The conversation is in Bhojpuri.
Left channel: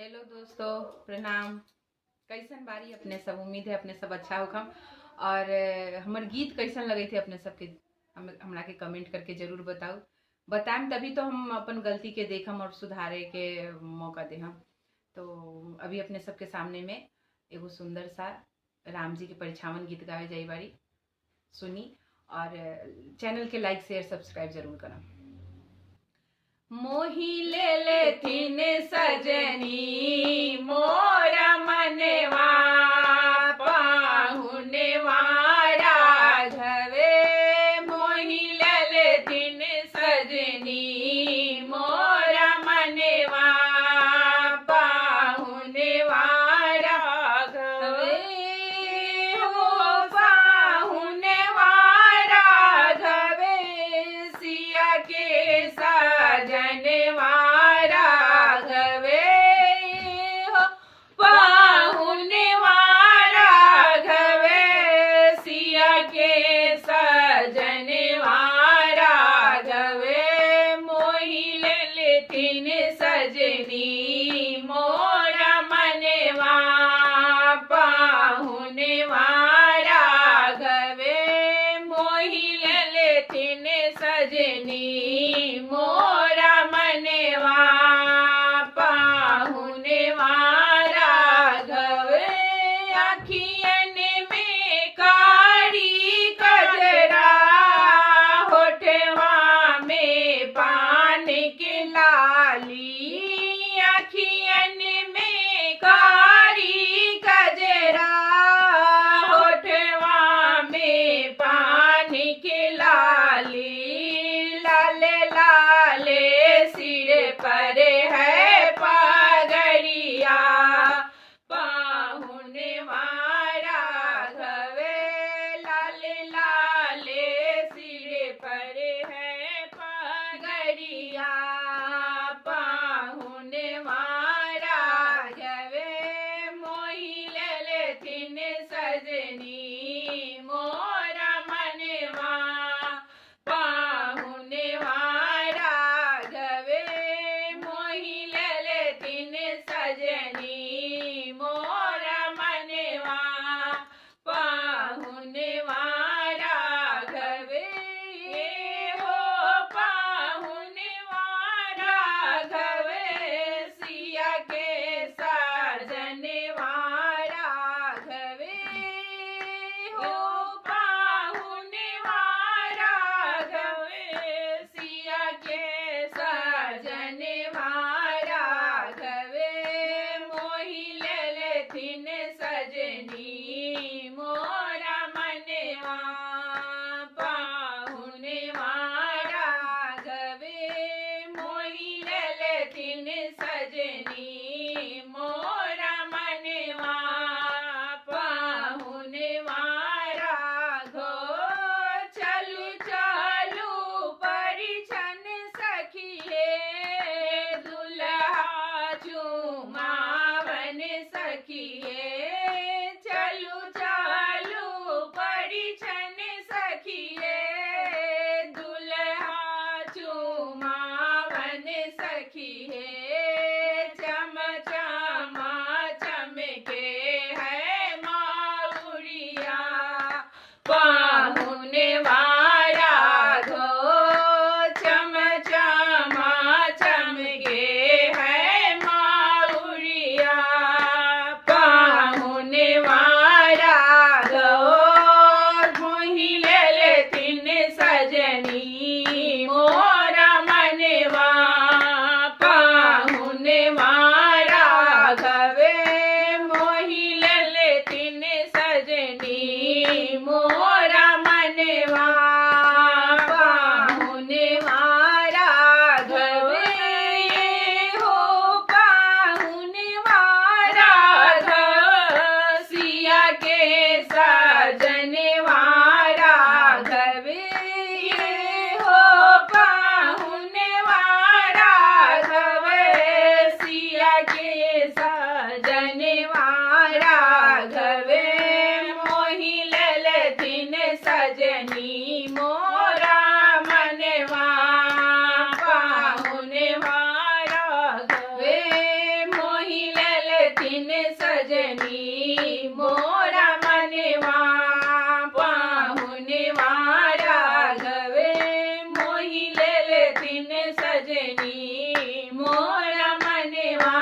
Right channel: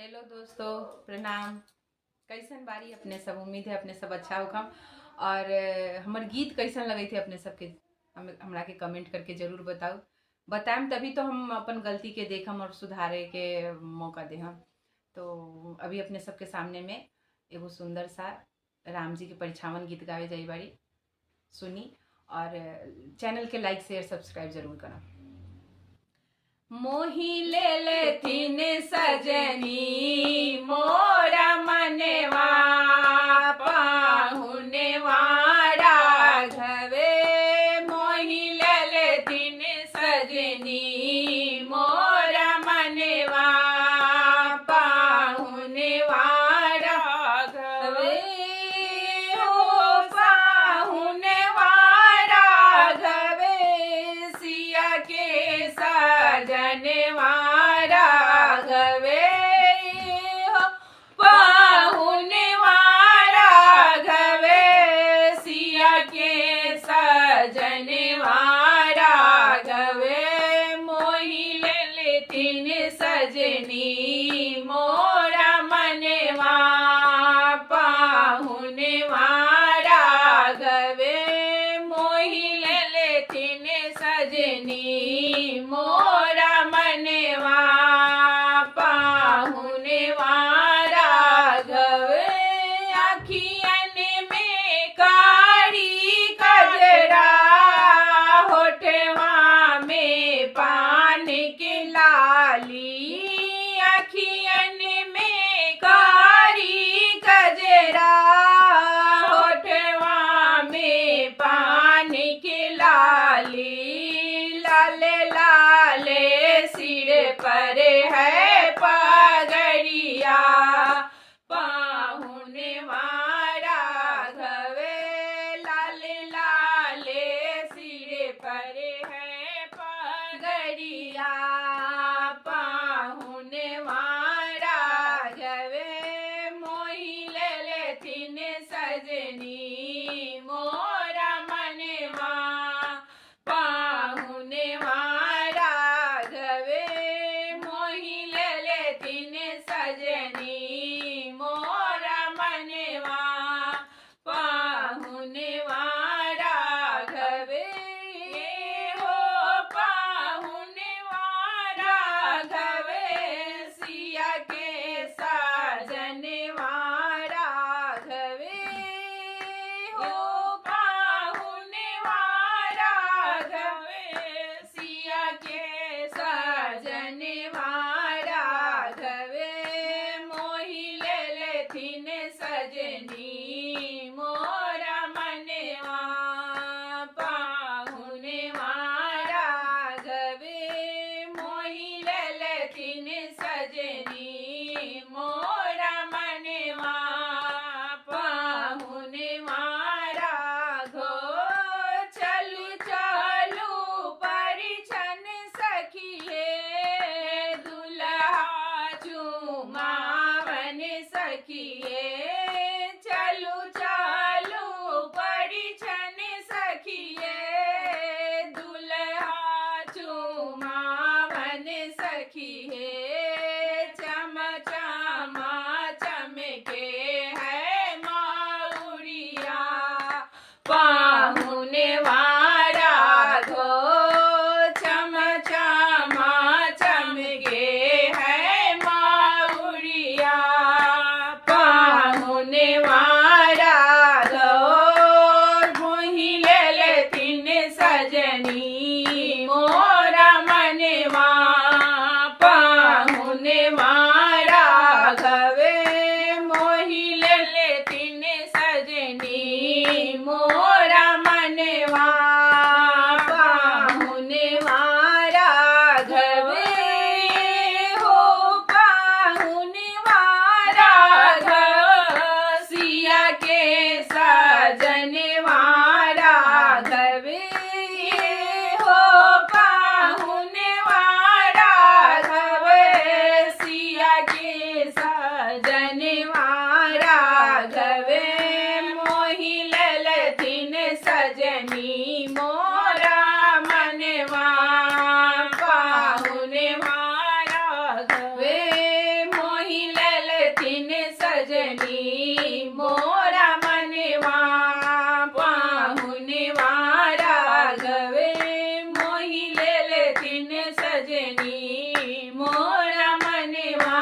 हेलो दोस्तों, प्रणाम। कैसन बारी अपने सब? उम्मीद है अपने सब अच्छा होखम। और हमर गीत कैसन लगे थे अपने सबके? हमरा के कमेंट करके जरूर बताओ। बताएम तभी तो हम अपन गलती के देखम और सुधारे के मौका देहम। तो अभी अपने सबके सामने में एगो सुंदर सा राम जी के परिछावन गीत गावे जाई बारी, सुनी। और चैनल के लाइक शेयर सब्सक्राइब जरूर करम। मोही ले लेथिन सजनी मोरा मनवा, पाहुनवा राघवे। मोही ले लेथिन सजनी मोरा मनवा, पाहुनवा राघवे। हो पाहुनवा राघवे, सिया के सजनवा राघवे। हो पाहुनवा राघवे, सिया के सजनवा राघवे। मोही ले लेथिन सजनी मोरा मनवा, पाहुनवा राघवे। मोही ले लेथिन सजनी मोरा मनवा, पाहुनवा राघवे। अखियन में कारी कजरा, होठवा में पान के लाली। अखियन में कारी कजरा, होठवा में पान के लाली। लाले लाले सिर पर है पगड़िया, पाहुनवा राघवे। लाले लाले सिर पर है पगड़िया, पाहुनवा राघवे। मोही ले लेथिन सजनी मोरा मनवा, पाहुनवा राघवे। मोही ले लेथिन सजनी मोरा मनवा, पाहुनवा राघवे। हो पाहुनवा राघवे, सिया के सजनवा राघवे। हो पाहुनवा राघवे, सिया के सजनवा राघवे। मोही ले लेथिन सजनी मोरा मनवा, पाहुनवा राघवे। मोही ले लेथिन सजनी मोरा मनवा, पाहुनवा राघो। चलू चलू परिछन सखिए, दुल्हा झुमावन सखिए। चलू चलू परिछन सखिए, दुल्हा झुमावन सखिए। चम चमा चमके है माउरिया, पाहुनवा राघो। चम चमा चमके है माउरिया, पाहुनवा राघो। मोही ले लेथिन सजनी मोरा मनवा, पाहुनवा राघवे। मोही ले लेथिन सजनी मोरा मनवा, पाहुनवा राघवे। हो पाहुनवा राघव, सिया के सजनवा राघवे। हो पाहुनवा राघवे, सिया के सजनवा राघवे। मोही ले लेथिन सजनी मोरा मनवा, पाहुनवा राघवे। मोही सजनी मोरा मनवा पाहुनवा राघवे मोहि ले लेथिन सजनी मोरा मनवा